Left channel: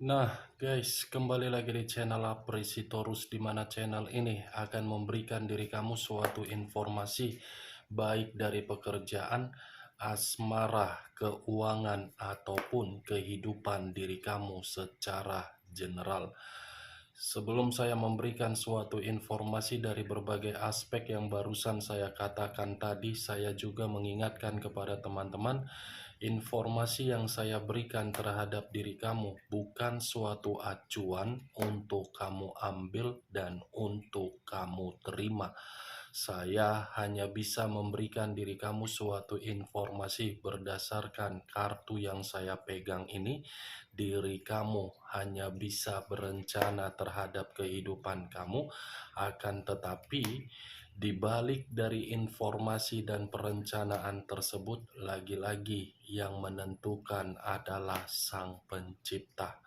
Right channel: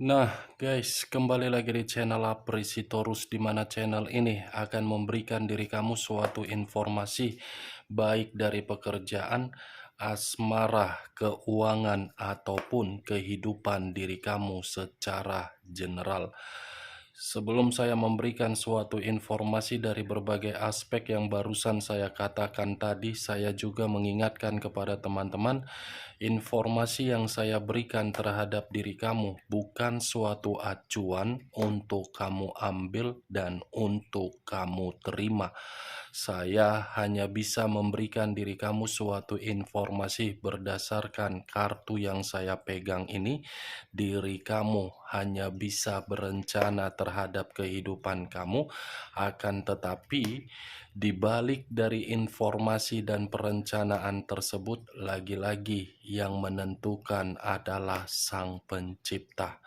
Nah, guys, kembali lagi di channel Aprisitorus, di mana channel ini akan memberikan diri kamu suatu informasi baik dari pekerjaan, asmara, keuangan, ataupun kehidupan diri kamu secara general. Sebelum saya memberikan suatu informasi dari berbagai aspek yang barusan saya katakan tadi, saya juga mengingatkan kepada teman-teman, informasi yang saya berikan terhadap diri kamu bukan suatu acuan untuk kamu ambil dan untuk kamu terima. Saya hanya bisa memberikan diri kamu suatu informasi berdasarkan kartu yang saya pegang ini. Diri kamu hanya bisa berencana terhadap kehidupan kamu, akan tetapi di balik dari informasi dan perencanaan tersebut, lagi-lagi yang menentukan adalah Sang Pencipta.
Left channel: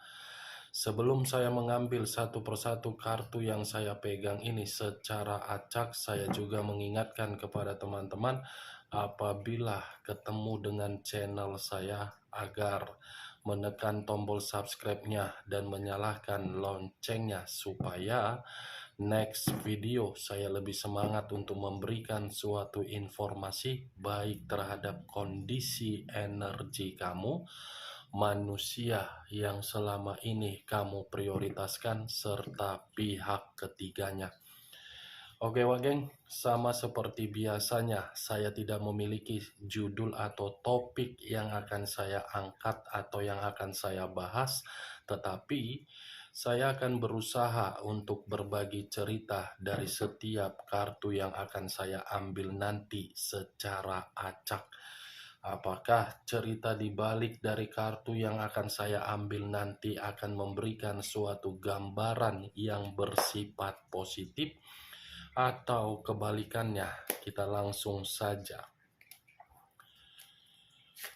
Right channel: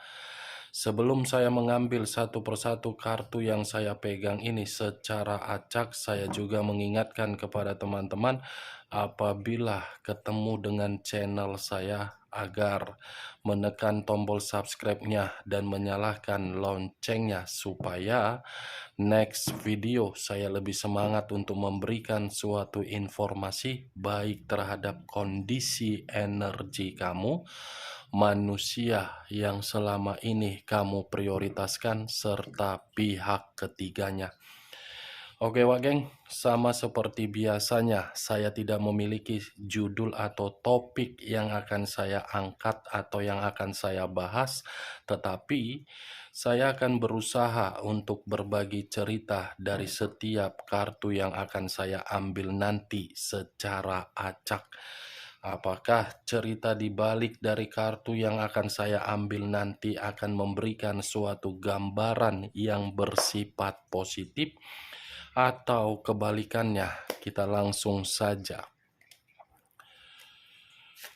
Sebelum saya mengambil satu persatu kartu yang saya pegang ini secara acak, saya juga mengingatkan kepada teman-teman apabila ketemu dengan channel saya agar menekan tombol subscribe-nya dan menyalakan loncengnya supaya next video saya lebih semangat untuk memberikan suatu informasi baik terhadap kondisi energi kamu, manusia yang selama ini kamu prioritaskan, serta pihak ketiganya. Oke Wak Geng, sama seperti biasanya saya tidak memiliki judul atau topik yang akan saya angkat atau yang akan saya bahas, tetapi saya akan berusaha untuk berbagi cerita dari setiap kartu yang akan saya ambil nanti secara acak. Apakah cerita di balik dari kartu yang akan saya ambil nanti akan memberikan suatu gambaran yang bersifat positif, atau kebalikannya? Kita langsung saja.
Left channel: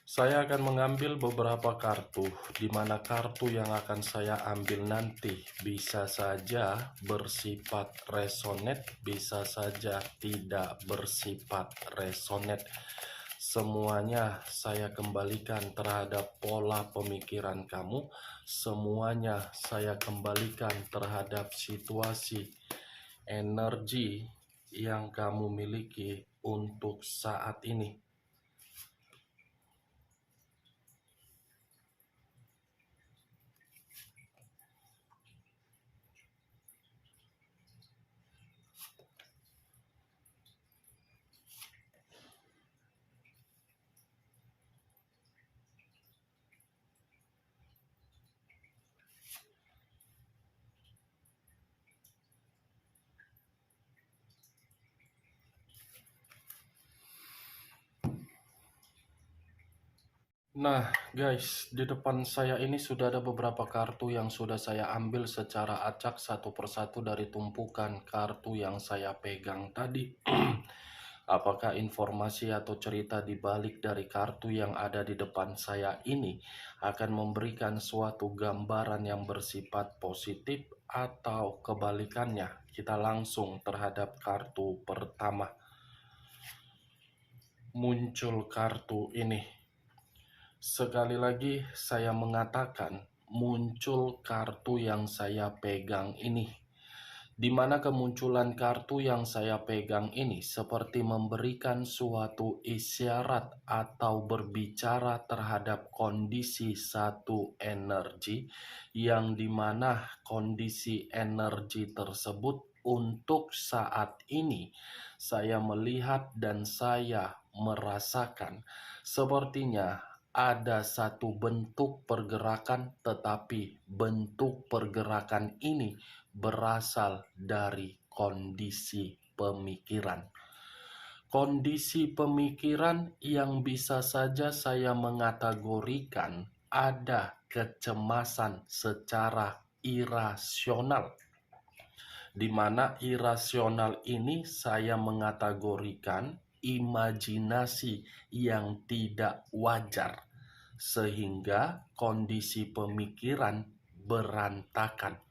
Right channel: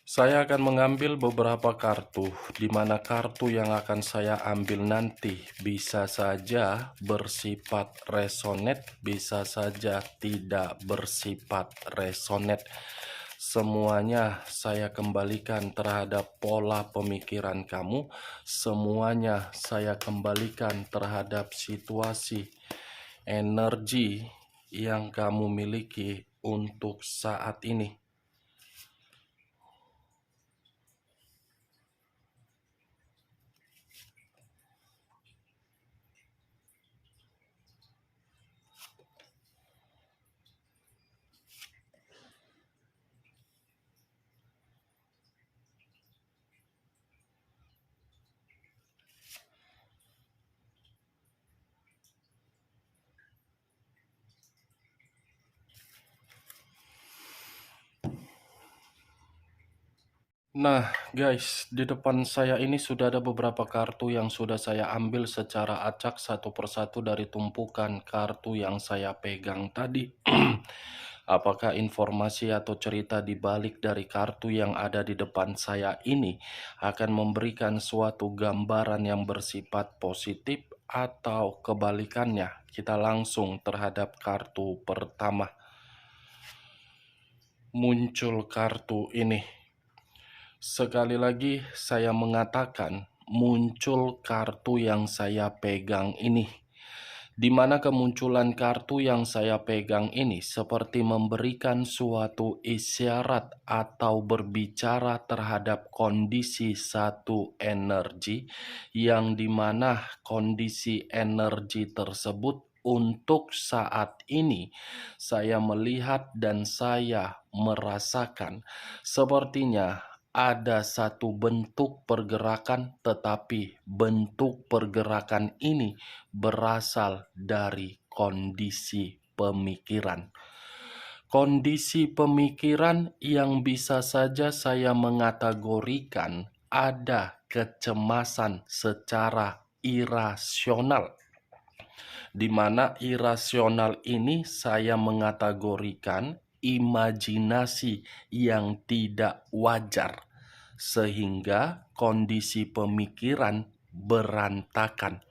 Saya akan mengambil beberapa kartu, di mana kartu yang akan saya ambil nanti bisa saja bersifat resonate, bisa saja tidak bersifat resonate. Semuanya saya kembalikan terhadap pola pemikiran kamu, semuanya saya kembalikan terhadap situasi, energi yang kamu miliki untuk saat ini. Nah guys, di depan saya ini sudah ada beberapa kartu yang sudah saya ambil secara acak satu persatu dari tumpukan kartu yang saya pegang tadi. Apakah informasi atau cerita di balik dari kartu yang ada di depan saya ini akan memberikan suatu gambaran yang bersifat positif atau kebalikannya? Kita langsung terhadap kartu pertama. Muncul kartu ini. Sekali lagi saya mengatakan, muncul kartu yang saya pegang ini, di mana kemunculan kartu yang saya pegang ini seperti memberikan suatu isyarat atau berbicara terhadap kondisi satu energi, yang dimana kondisi energi tersebut untuk saat ini saya melihat dan saya merasakan sepertinya ada satu bentuk pergerakan, tetapi bentuk pergerakan ini berasal dari kondisi pemikiran. Kondisi pemikiran yang bisa saja saya mengategorikan ada kecemasan secara irasional, di mana irasional ini saya mengategorikan imajinasi yang tidak wajar, sehingga kondisi pemikiran berantakan.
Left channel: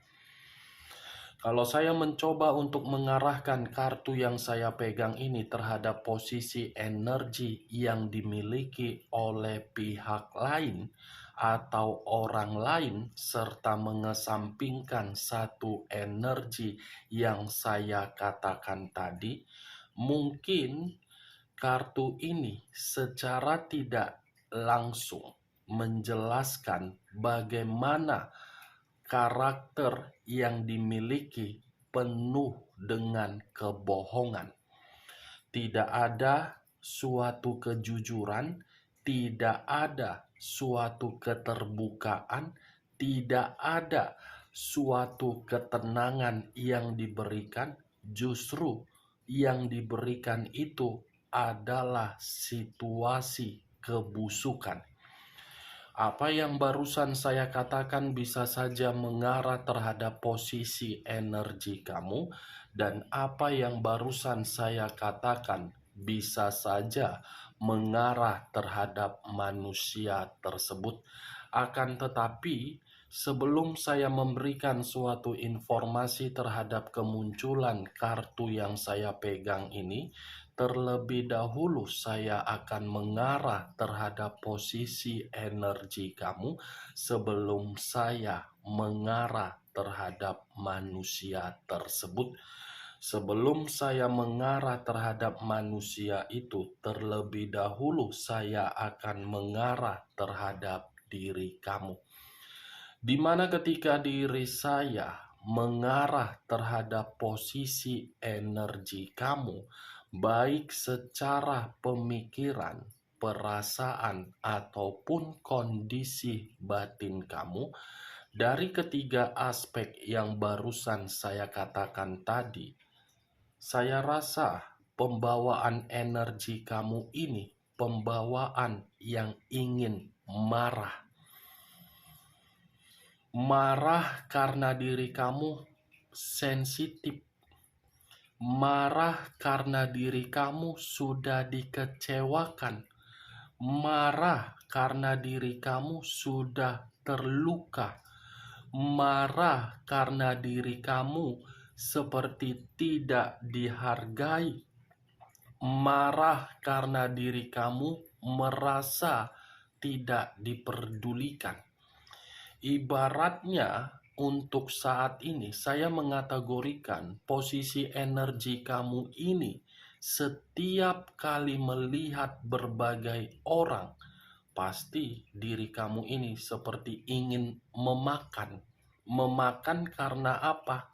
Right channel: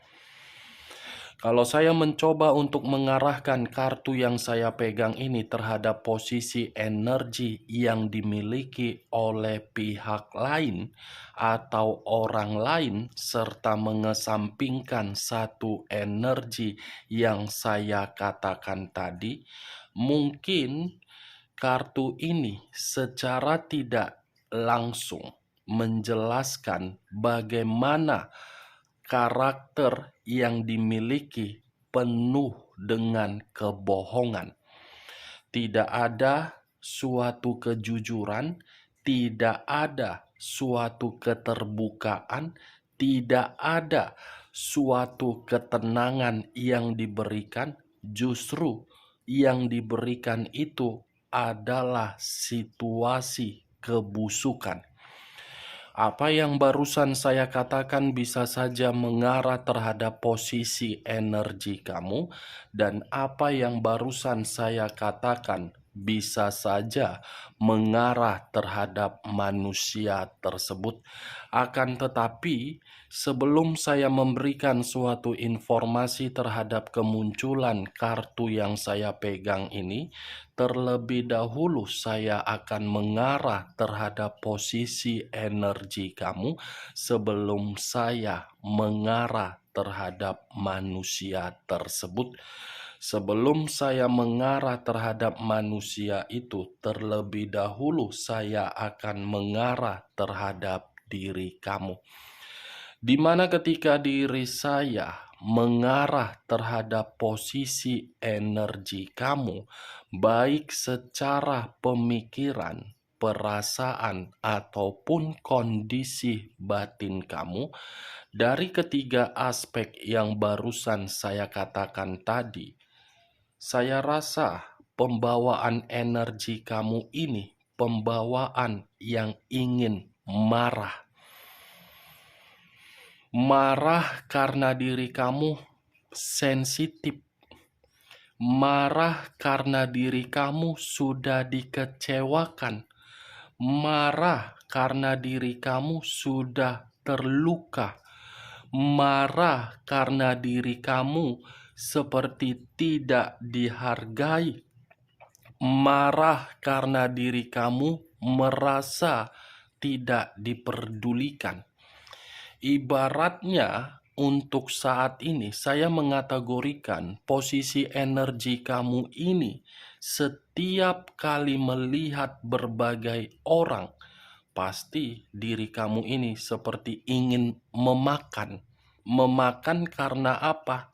Kalau saya mencoba untuk mengarahkan kartu yang saya pegang ini terhadap posisi energi yang dimiliki oleh pihak lain, atau orang lain serta mengesampingkan satu energi yang saya katakan tadi, mungkin kartu ini secara tidak langsung menjelaskan bagaimana karakter yang dimiliki penuh dengan kebohongan. Tidak ada suatu kejujuran, tidak ada suatu keterbukaan, tidak ada suatu ketenangan yang diberikan. Justru yang diberikan itu adalah situasi kebusukan. Apa yang barusan saya katakan bisa saja mengarah terhadap posisi energi kamu, dan apa yang barusan saya katakan bisa saja mengarah terhadap manusia tersebut. Akan tetapi, sebelum saya memberikan suatu informasi terhadap kemunculan kartu yang saya pegang ini, terlebih dahulu saya akan mengarah terhadap posisi energi kamu sebelum saya mengarah terhadap manusia tersebut. Sebelum saya mengarah terhadap manusia itu, terlebih dahulu saya akan mengarah terhadap diri kamu. Di mana ketika diri saya mengarah terhadap posisi energi kamu, baik secara pemikiran, perasaan, ataupun kondisi batin kamu, dari ketiga aspek yang barusan saya katakan tadi, saya rasa pembawaan energi kamu ini pembawaan yang ingin marah. Marah karena diri kamu sensitif. Marah karena diri kamu sudah dikecewakan. Marah karena diri kamu sudah terluka. Marah karena diri kamu seperti tidak dihargai. Marah karena diri kamu merasa tidak diperdulikan. Ibaratnya untuk saat ini saya mengategorikan posisi energi kamu ini setiap kali melihat berbagai orang, pasti diri kamu ini seperti ingin memakan. Memakan karena apa?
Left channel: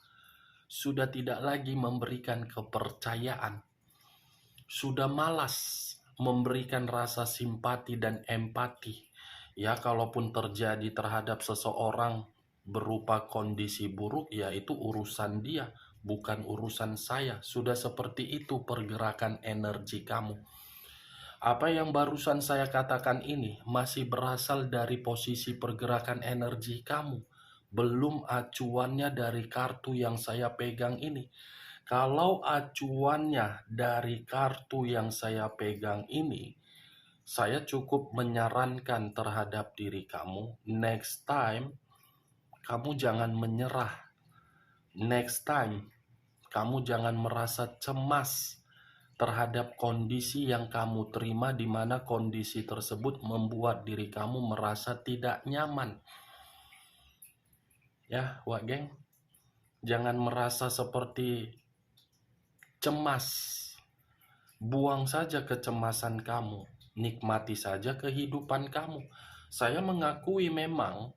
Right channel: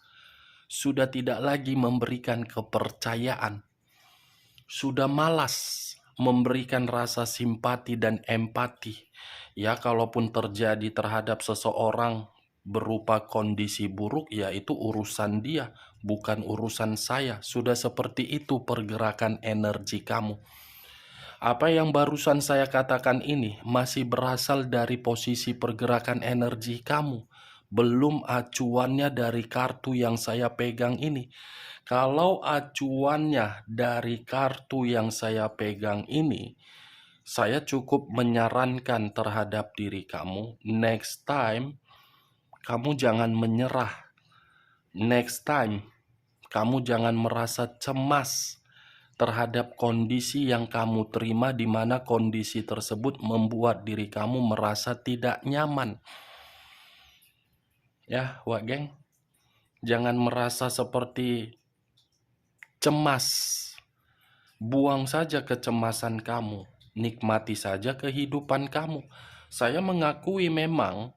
Sudah tidak lagi memberikan kepercayaan. Sudah malas memberikan rasa simpati dan empati. Ya, kalaupun terjadi terhadap seseorang berupa kondisi buruk, ya itu urusan dia, bukan urusan saya. Sudah seperti itu pergerakan energi kamu. Apa yang barusan saya katakan ini masih berasal dari posisi pergerakan energi kamu. Belum acuannya dari kartu yang saya pegang ini. Kalau acuannya dari kartu yang saya pegang ini, saya cukup menyarankan terhadap diri kamu, next time kamu jangan menyerah. Next time kamu jangan merasa cemas terhadap kondisi yang kamu terima, di mana kondisi tersebut membuat diri kamu merasa tidak nyaman. Ya, Wak Geng, jangan merasa seperti cemas. Buang saja kecemasan kamu, nikmati saja kehidupan kamu. Saya mengakui memang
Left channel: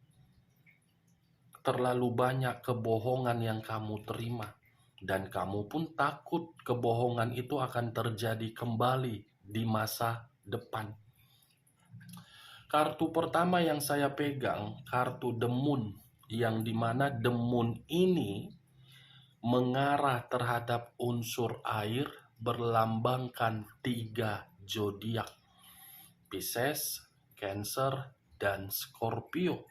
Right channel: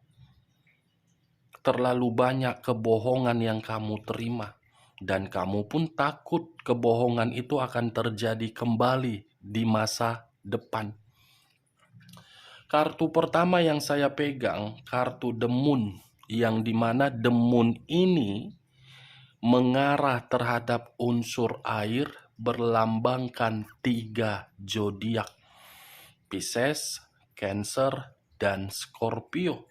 terlalu banyak kebohongan yang kamu terima, dan kamu pun takut kebohongan itu akan terjadi kembali di masa depan. Kartu pertama yang saya pegang, kartu The Moon, yang dimana The Moon ini mengarah terhadap unsur air, berlambangkan 3 zodiak: Pisces, Cancer, dan Scorpio.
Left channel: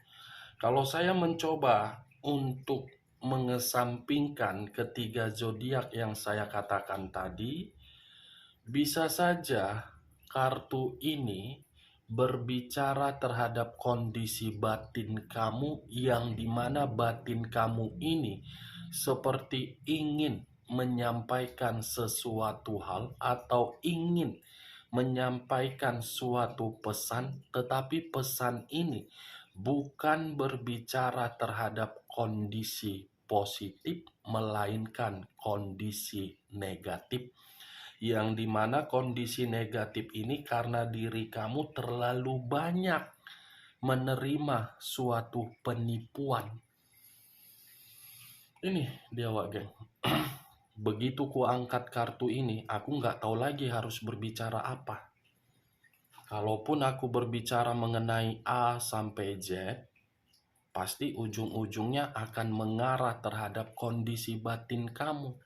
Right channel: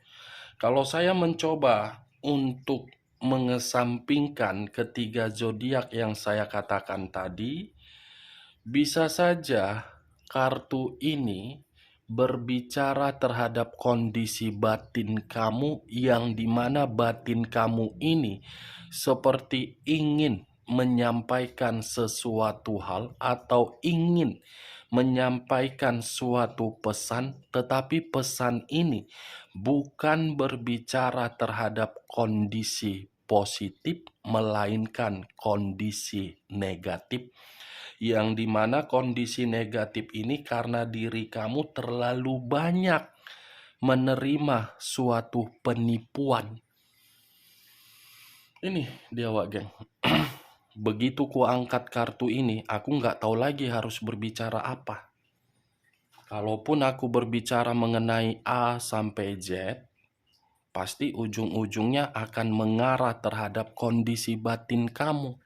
Kalau saya mencoba untuk mengesampingkan ketiga zodiak yang saya katakan tadi, bisa saja kartu ini berbicara terhadap kondisi batin kamu, yang dimana batin kamu ini seperti ingin menyampaikan sesuatu hal atau ingin menyampaikan suatu pesan, tetapi pesan ini bukan berbicara terhadap kondisi positif, melainkan kondisi negatif, yang dimana kondisi negatif ini karena diri kamu terlalu banyak menerima suatu penipuan. Ini dia, Wak Geng. Begitu ku angkat kartu ini, aku nggak tahu lagi harus berbicara apa. Kalaupun aku berbicara mengenai A sampai Z, pasti ujung-ujungnya akan mengarah terhadap kondisi batin kamu.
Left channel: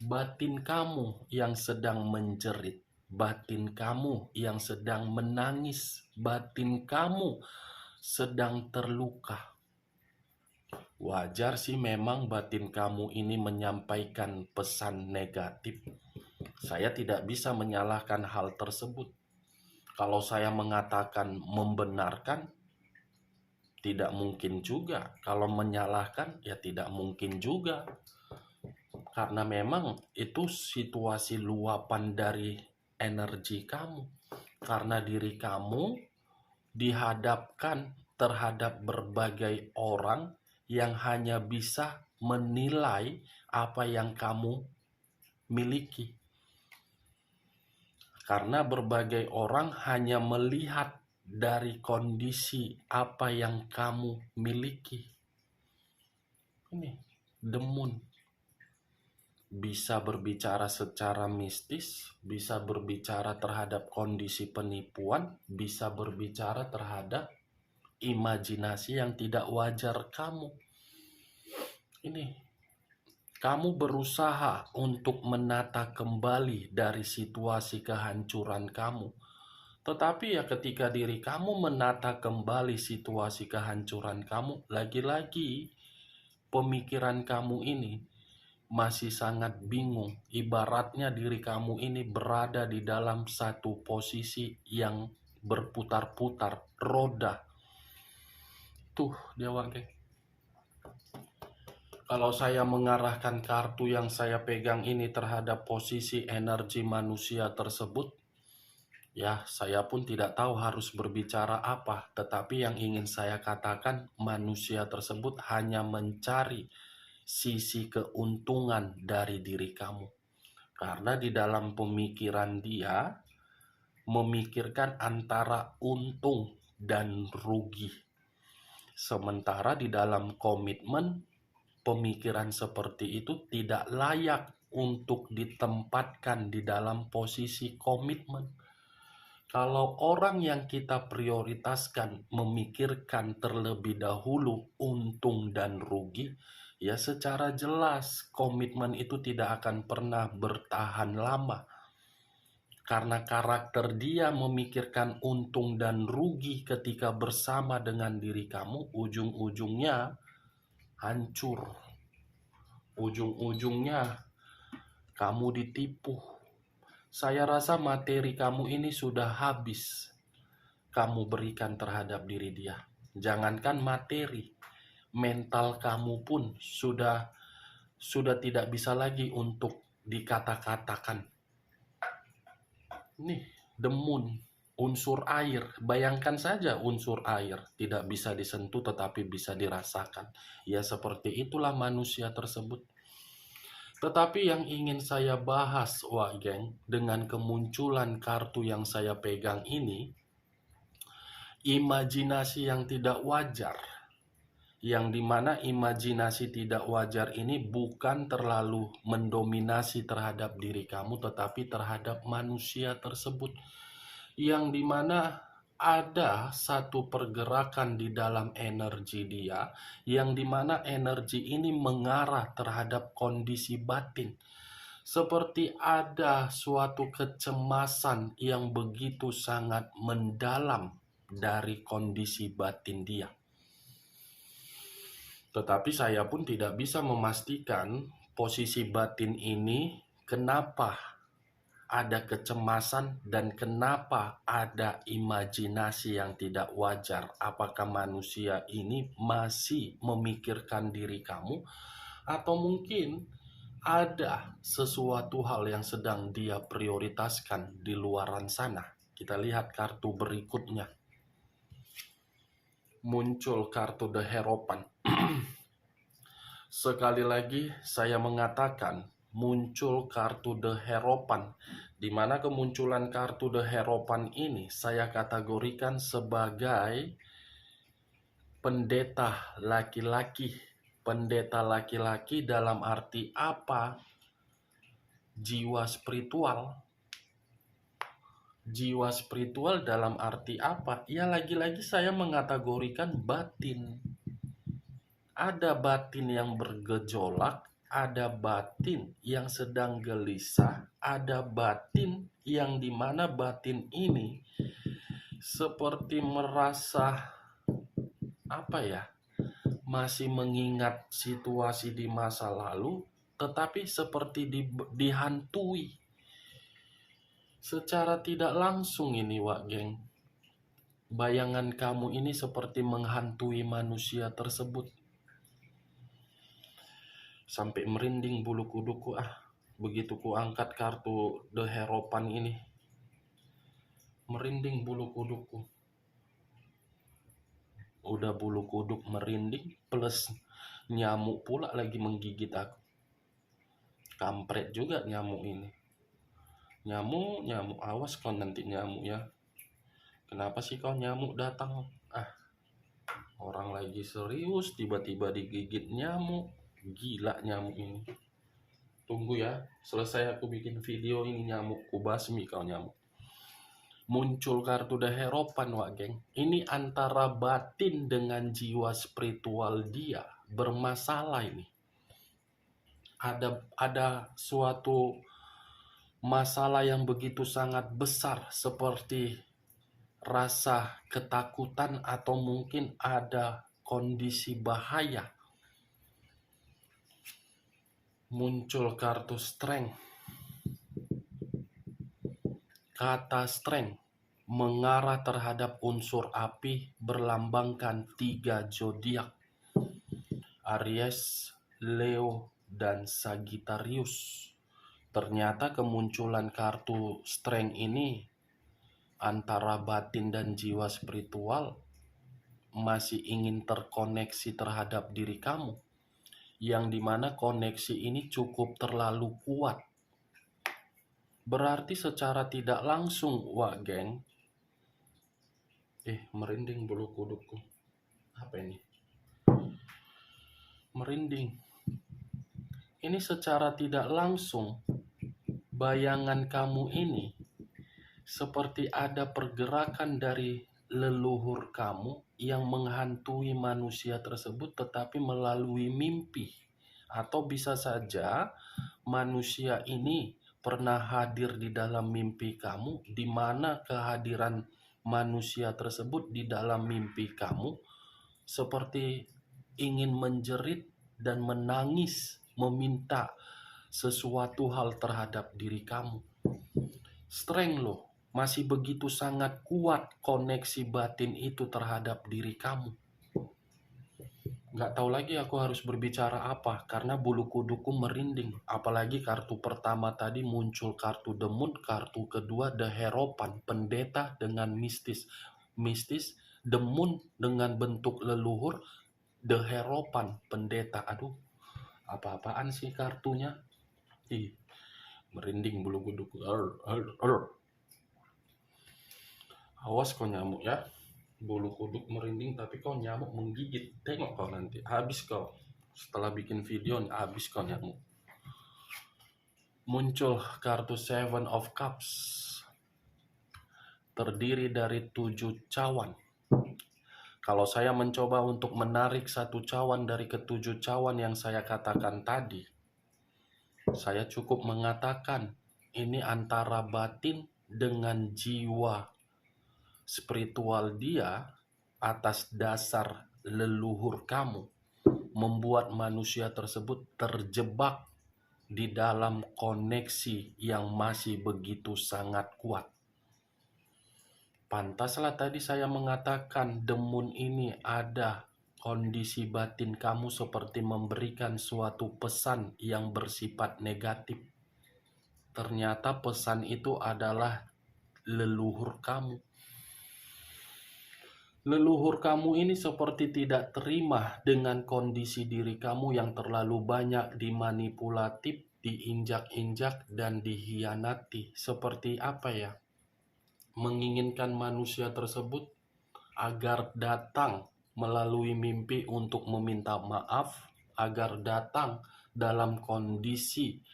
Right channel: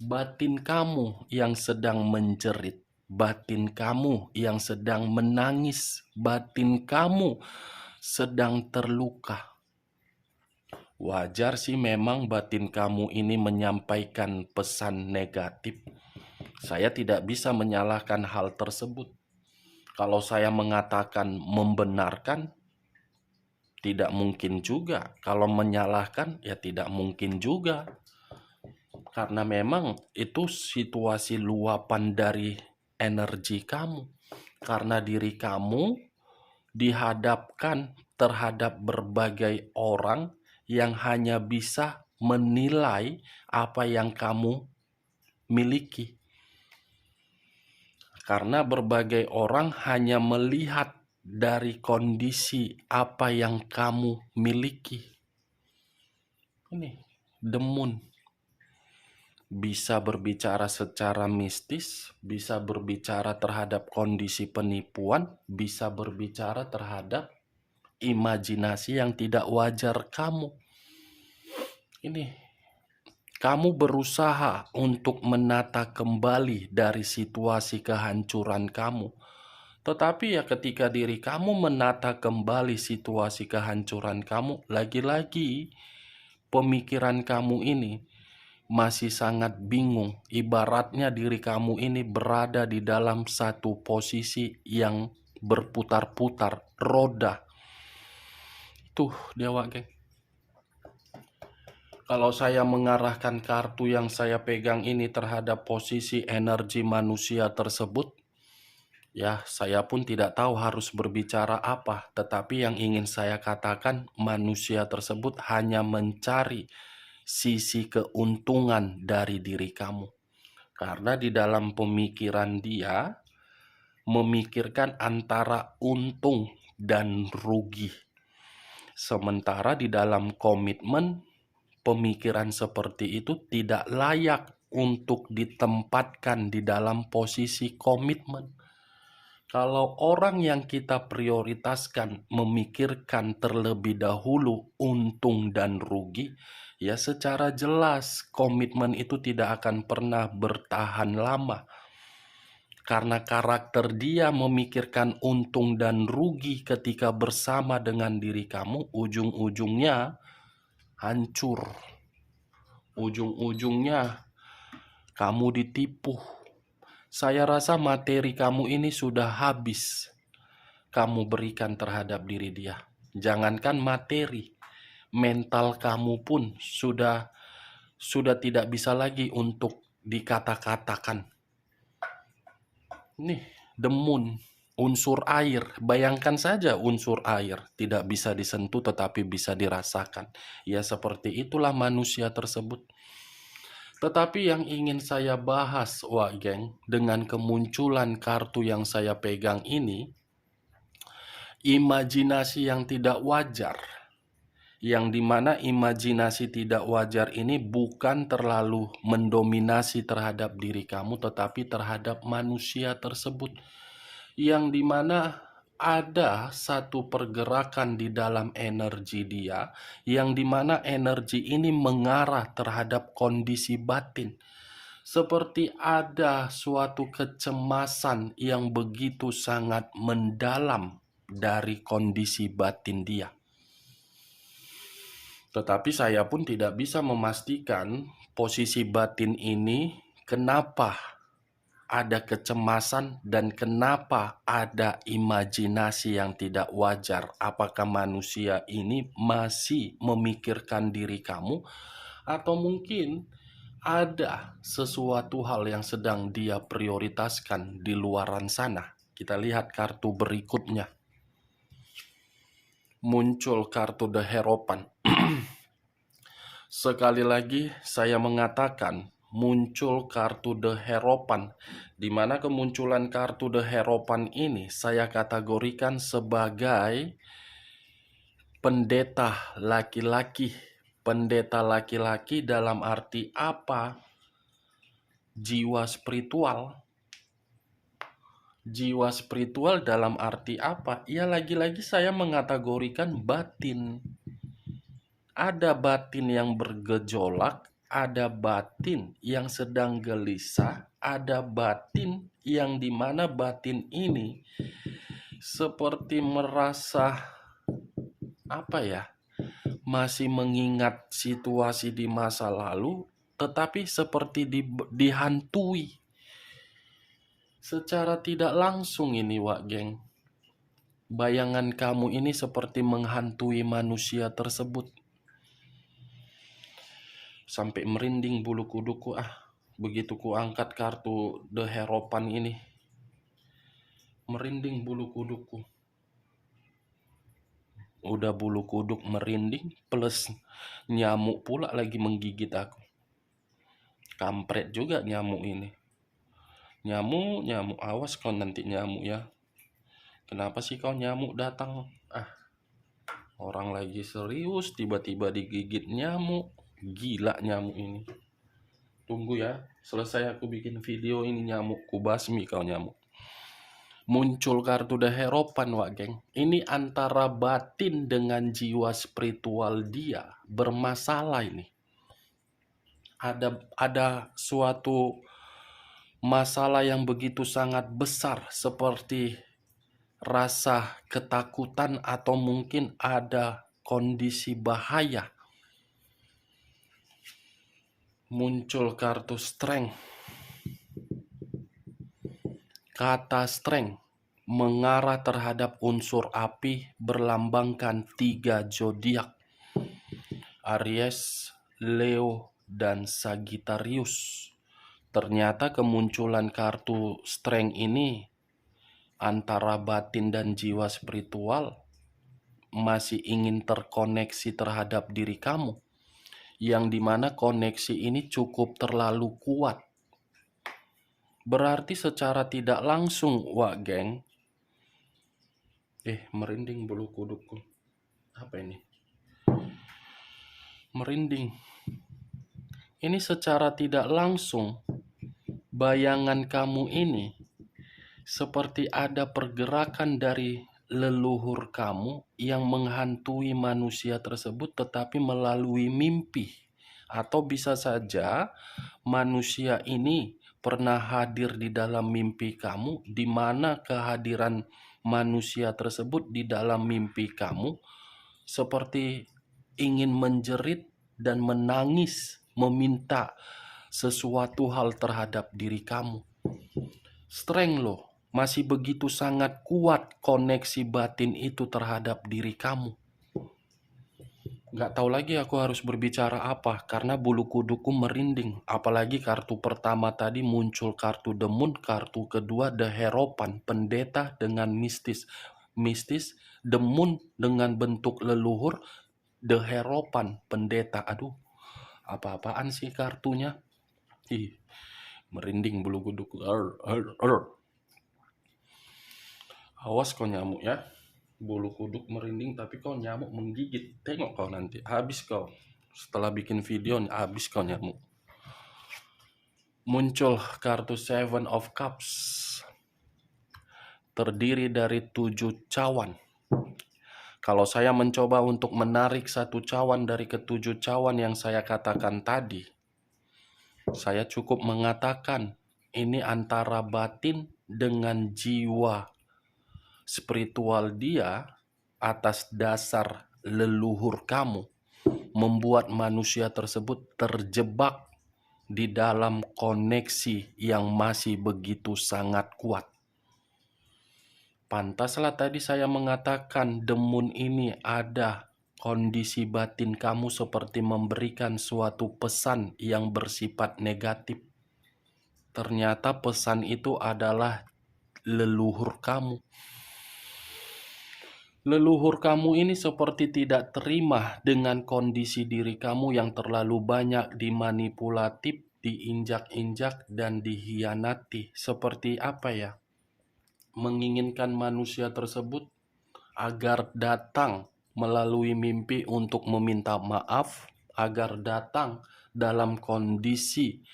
Batin kamu yang sedang menjerit, batin kamu yang sedang menangis, batin kamu sedang terluka. Wajar sih memang batin kamu ini menyampaikan pesan negatif. Saya tidak bisa menyalahkan hal tersebut. Kalau saya mengatakan membenarkan, tidak mungkin juga. Kalau menyalahkan, ya tidak mungkin juga. Karena memang itu situasi luapan dari energi kamu. Karena diri kamu dihadapkan terhadap berbagai orang yang hanya bisa menilai apa yang kamu miliki. Karena berbagai orang hanya melihat dari kondisi apa yang kamu miliki. Ini demun. Bisa berbicara secara mistis, bisa berbicara terhadap kondisi penipuan, bisa berbicara terhadap imajinasi yang tidak wajar kamu. Ini kamu berusaha untuk menata kembali dari situasi kehancuran kamu. Tetapi ya ketika diri kamu menata kembali situasi kehancuran kamu, lagi-lagi pemikiran kamu ini masih sangat bingung. Ibaratnya diri kamu ini berada di dalam satu posisi yang berputar-putar, roda. Tuh, Dewa Geng. Kalau saya mengarahkan kartu yang saya pegang ini terhadap posisi energi manusia tersebut, ya saya pun tidak tahu harus berbicara apa. Tetapi yang ingin saya katakan, manusia tersebut hanya mencari sisi keuntungan dari diri kamu. Karena di dalam pemikiran dia, memikirkan antara untung dan rugi. Sementara di dalam komitmen, pemikiran seperti itu tidak layak untuk ditempatkan di dalam posisi komitmen. Kalau orang yang kita prioritaskan memikirkan terlebih dahulu untung dan rugi, ya secara jelas komitmen itu tidak akan pernah bertahan lama. Karena karakter dia memikirkan untung dan rugi ketika bersama dengan diri kamu, ujung-ujungnya hancur. Ujung-ujungnya kamu ditipu. Saya rasa materi kamu ini sudah habis kamu berikan terhadap diri dia. Jangankan materi, mental kamu pun sudah tidak bisa lagi untuk dikata-katakan. Nih, demun, unsur air. Bayangkan saja unsur air tidak bisa disentuh tetapi bisa dirasakan. Ya seperti itulah manusia tersebut. Tetapi yang ingin saya bahas, Wak Geng, dengan kemunculan kartu yang saya pegang ini, imajinasi yang tidak wajar. Yang dimana imajinasi tidak wajar ini bukan terlalu mendominasi terhadap diri kamu, tetapi terhadap manusia tersebut. Yang dimana ada satu pergerakan di dalam energi dia, yang dimana energi ini mengarah terhadap kondisi batin. Seperti ada suatu kecemasan yang begitu sangat mendalam dari kondisi batin dia. Tetapi saya pun tidak bisa memastikan posisi batin ini kenapa ada kecemasan dan kenapa ada imajinasi yang tidak wajar. Apakah manusia ini masih memikirkan diri kamu atau mungkin ada sesuatu hal yang sedang dia prioritaskan di luaran sana. Kita lihat kartu berikutnya. muncul kartu The Hierophant. Sekali lagi saya mengatakan muncul kartu The Hierophant, di mana kemunculan kartu The Hierophant ini saya kategorikan sebagai pendeta laki-laki. Pendeta laki-laki dalam arti apa? Jiwa spiritual. Jiwa spiritual dalam arti apa? Ya lagi-lagi saya mengategorikan batin. Ada batin yang bergejolak, ada batin yang sedang gelisah, ada batin yang dimana batin ini seperti merasa masih mengingat situasi di masa lalu, tetapi seperti dihantui secara tidak langsung ini, Wak Geng. Bayangan kamu ini seperti menghantui manusia tersebut. Sampai merinding bulu kuduku begitu ku angkat kartu The Hierophant ini. Merinding bulu kuduku. Udah bulu kuduk merinding plus nyamuk pula lagi menggigit aku. Kampret juga nyamuk ini. Nyamuk, awas kau nanti nyamuk ya. Kenapa sih kau nyamuk datang? Orang lagi serius tiba-tiba digigit nyamuk. Gila nyamuk ini. Tunggu ya, selesai aku bikin video ini nyamuk, ku basmi kau nyamuk. Muncul kartu The Hierophant, Wak Geng. Ini antara batin dengan jiwa spiritual dia bermasalah ini. Ada suatu masalah yang begitu sangat besar seperti rasa ketakutan atau mungkin ada kondisi bahaya. Muncul kartu Strength. Kata Strength mengarah terhadap unsur api berlambangkan 3 zodiak, Aries, Leo, dan Sagittarius. Ternyata kemunculan kartu Strength ini antara batin dan jiwa spiritual masih ingin terkoneksi terhadap diri kamu, yang dimana koneksi ini cukup terlalu kuat. Berarti secara tidak langsung, Wak Geng, merinding bulu kudukku. Apa ini? Merinding. Ini secara tidak langsung bayangan kamu ini seperti ada pergerakan dari leluhur kamu yang menghantui manusia tersebut tetapi melalui mimpi. Atau bisa saja manusia ini pernah hadir di dalam mimpi kamu, di mana kehadiran manusia tersebut di dalam mimpi kamu seperti ingin menjerit dan menangis meminta sesuatu hal terhadap diri kamu. Strength loh. Masih begitu sangat kuat koneksi batin itu terhadap diri kamu. Gak tahu lagi aku harus berbicara apa, karena bulu kuduku merinding. Apalagi kartu pertama tadi muncul kartu The Moon, kartu kedua The Hierophant, pendeta dengan mistis. Mistis, The Moon dengan bentuk leluhur, The Hierophant, pendeta. Aduh, apa-apaan sih kartunya? Merinding bulu kuduku. Awas kau nyamuk ya. Bulu kuduk merinding tapi kau nyamuk menggigit. Tengok kau nanti, habis kau. Setelah bikin video, habis kau nyamuk. Muncul kartu Seven of Cups. Terdiri dari 7 cawan. Kalau saya mencoba untuk menarik 1 cawan dari ke-7 cawan yang saya katakan tadi, saya cukup mengatakan ini antara batin dengan jiwa spiritual dia atas dasar leluhur kamu membuat manusia tersebut terjebak di dalam koneksi yang masih begitu sangat kuat. Pantaslah tadi saya mengatakan The Moon ini ada kondisi batin kamu seperti memberikan suatu pesan yang bersifat negatif. Ternyata pesan itu adalah leluhur kamu. Leluhur kamu ini seperti tidak terima dengan kondisi diri kamu yang terlalu banyak dimanipulatif, diinjak-injak, dan dihianati. Seperti apa ya? Menginginkan manusia tersebut agar datang melalui mimpi untuk meminta maaf, agar datang dalam kondisi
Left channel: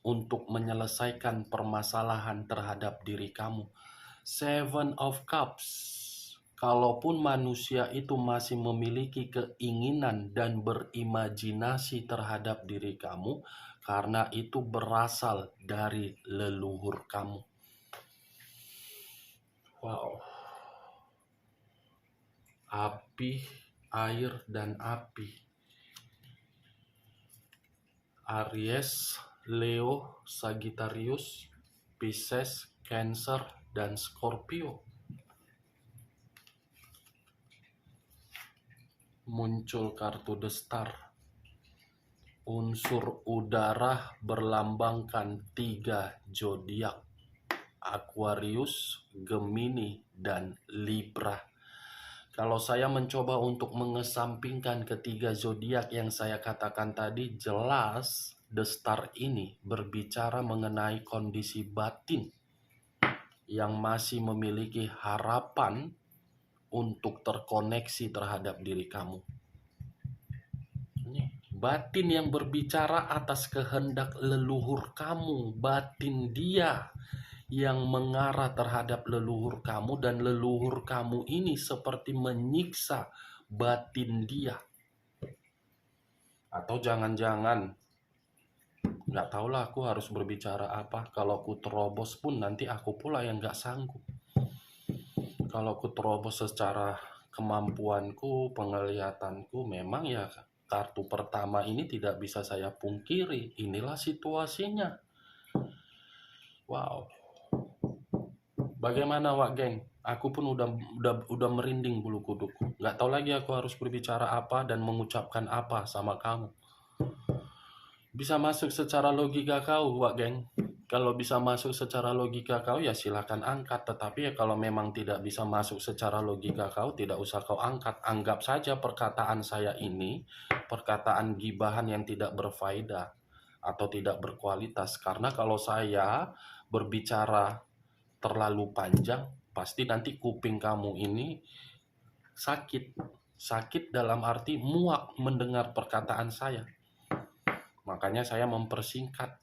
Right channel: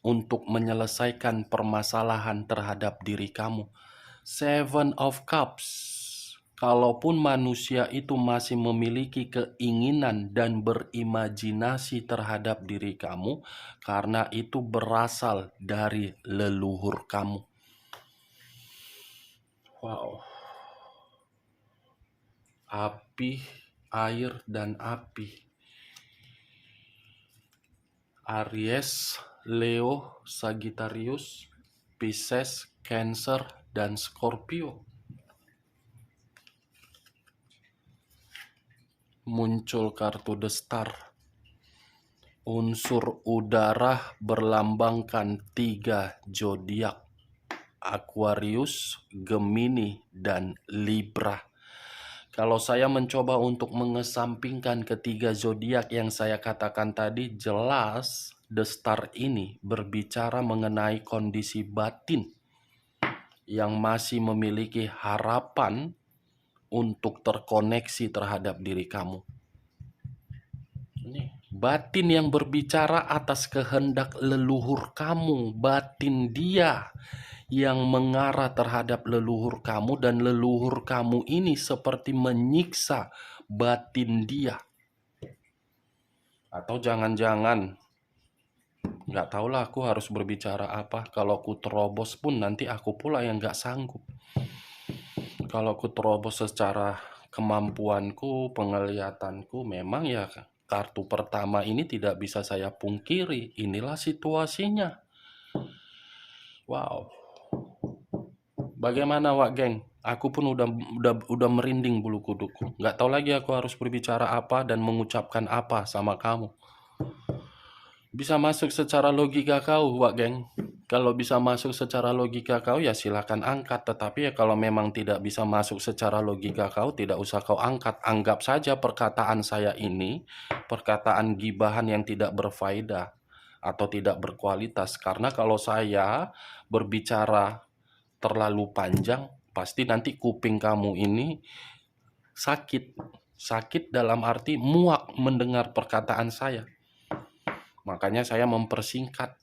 untuk menyelesaikan permasalahan terhadap diri kamu. Seven of Cups. Kalaupun manusia itu masih memiliki keinginan dan berimajinasi terhadap diri kamu, karena itu berasal dari leluhur kamu. Wow. Api, air, dan api. Aries, Leo, Sagittarius, Pisces, Cancer, dan Scorpio. Muncul kartu The Star. Unsur udara berlambangkan 3 zodiak: Aquarius, Gemini, dan Libra. Kalau saya mencoba untuk mengesampingkan ketiga zodiak yang saya katakan tadi, jelas The Star ini berbicara mengenai kondisi batin yang masih memiliki harapan untuk terkoneksi terhadap diri kamu. Ini batin yang berbicara atas kehendak leluhur kamu, batin dia yang mengarah terhadap leluhur kamu, dan leluhur kamu ini seperti menyiksa batin dia. Atau jangan-jangan, nggak tahulah aku harus berbicara apa. Kalau aku terobos pun nanti aku pula yang nggak sanggup. Kalau aku terobos secara kemampuanku, penglihatanku, memang ya kartu pertama ini tidak bisa saya pungkiri. Inilah situasinya. Wow. Bagaimana Wak Geng? Aku pun udah merinding bulu kuduku. Nggak tahu lagi aku harus berbicara apa dan mengucapkan apa sama kamu. Bisa masuk secara logika kau, Wak Geng. Kalau bisa masuk secara logika kau ya silakan angkat. Tetapi ya kalau memang tidak bisa masuk secara logika kau, tidak usah kau angkat. Anggap saja perkataan saya ini perkataan gibahan yang tidak berfaedah atau tidak berkualitas. Karena kalau saya berbicara terlalu panjang, pasti nanti kuping kamu ini sakit. Sakit dalam arti muak mendengar perkataan saya. Makanya saya mempersingkat.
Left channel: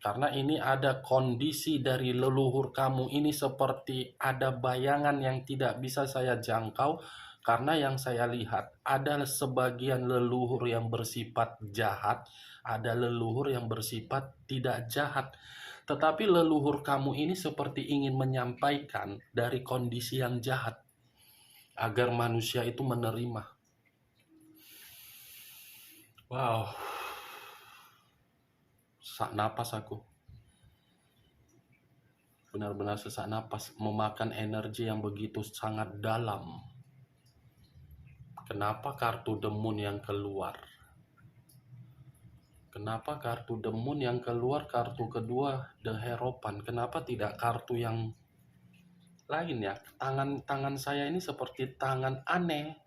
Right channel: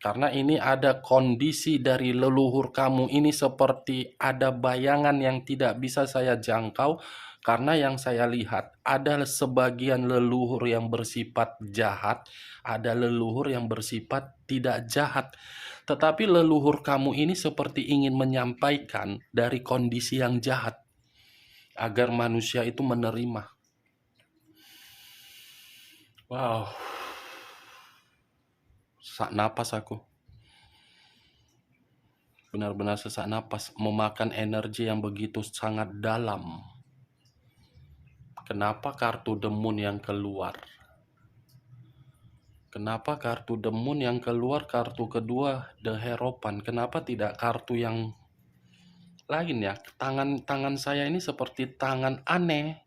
Karena ini ada kondisi dari leluhur kamu ini seperti ada bayangan yang tidak bisa saya jangkau. Karena yang saya lihat ada sebagian leluhur yang bersifat jahat, ada leluhur yang bersifat tidak jahat. Tetapi leluhur kamu ini seperti ingin menyampaikan dari kondisi yang jahat agar manusia itu menerima. Wow. Sesak napas aku. Benar-benar sesak napas, memakan energi yang begitu sangat dalam. Kenapa kartu The Moon yang keluar? Kenapa kartu The Moon yang keluar, kartu kedua The Hierophant? Kenapa tidak kartu yang lain ya? Tangan saya ini seperti tangan aneh.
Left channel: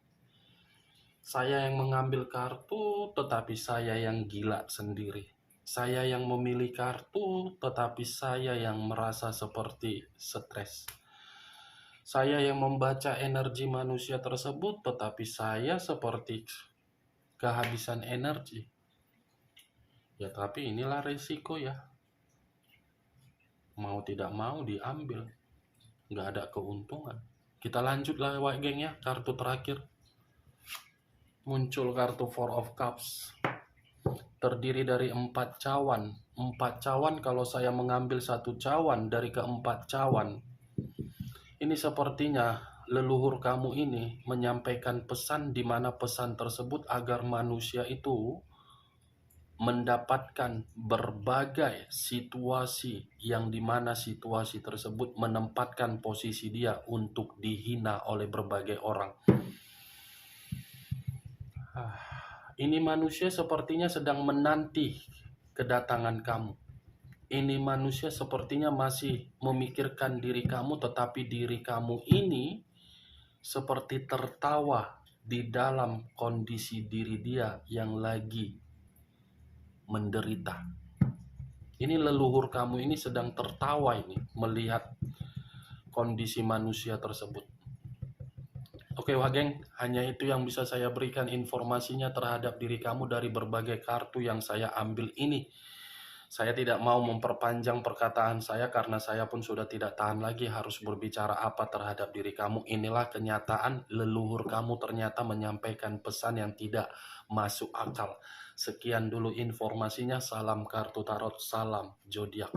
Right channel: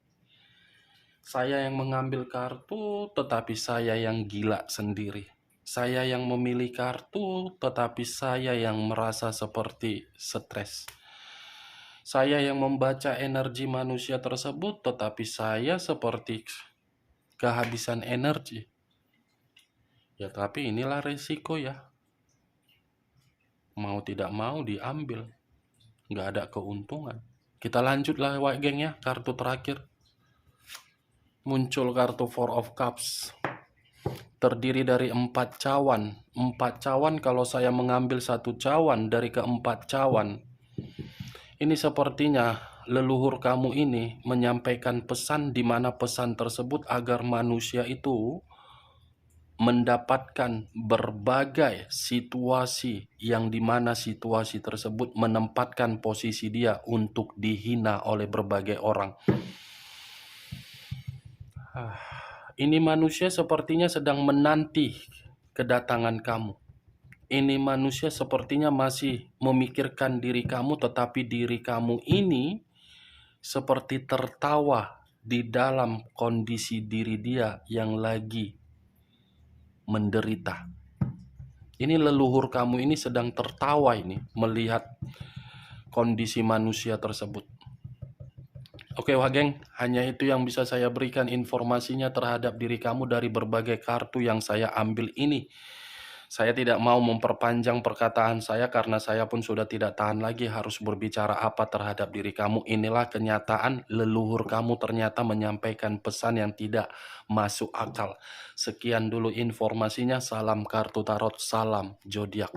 Saya yang mengambil kartu, tetapi saya yang gila sendiri. Saya yang memilih kartu, tetapi saya yang merasa seperti stres. Saya yang membaca energi manusia tersebut, tetapi saya seperti kehabisan energi. Ya tapi inilah resiko ya. Mau tidak mau diambil. Nggak ada keuntungan. Kita lanjutlah Wak Geng ya, kartu terakhir. Muncul kartu Four of Cups. Terdiri dari 4 cawan. 4 cawan, kalau saya mengambil 1 cawan dari keempat cawan, ini sepertinya leluhur kamu ini menyampaikan pesan, di mana pesan tersebut agar manusia itu mendapatkan berbagai situasi yang dimana situasi tersebut menempatkan posisi dia untuk dihina oleh berbagai orang. Ini manusia sepertinya sedang menanti kedatangan kamu. Ini manusia sepertinya masih memikirkan diri kamu, tetapi diri kamu ini seperti tertawa di dalam kondisi diri dia yang lagi menderita. Ini leluhur kamu ini sedang tertawa ini melihat kondisi manusia tersebut. Oke Wageng, hanya itu yang bisa saya berikan informasinya terhadap diri kamu dari berbagai kartu yang saya ambil ini. Saya tidak mau memperpanjang perkataan saya karena saya pun sudah tidak tahan lagi harus berbicara apa terhadap diri kamu. Inilah kenyataan, leluhur kamu ternyata menyampaikan pesan yang tidak masuk akal. Sekian dulu informasinya, salam kartu tarot, salam zodiak.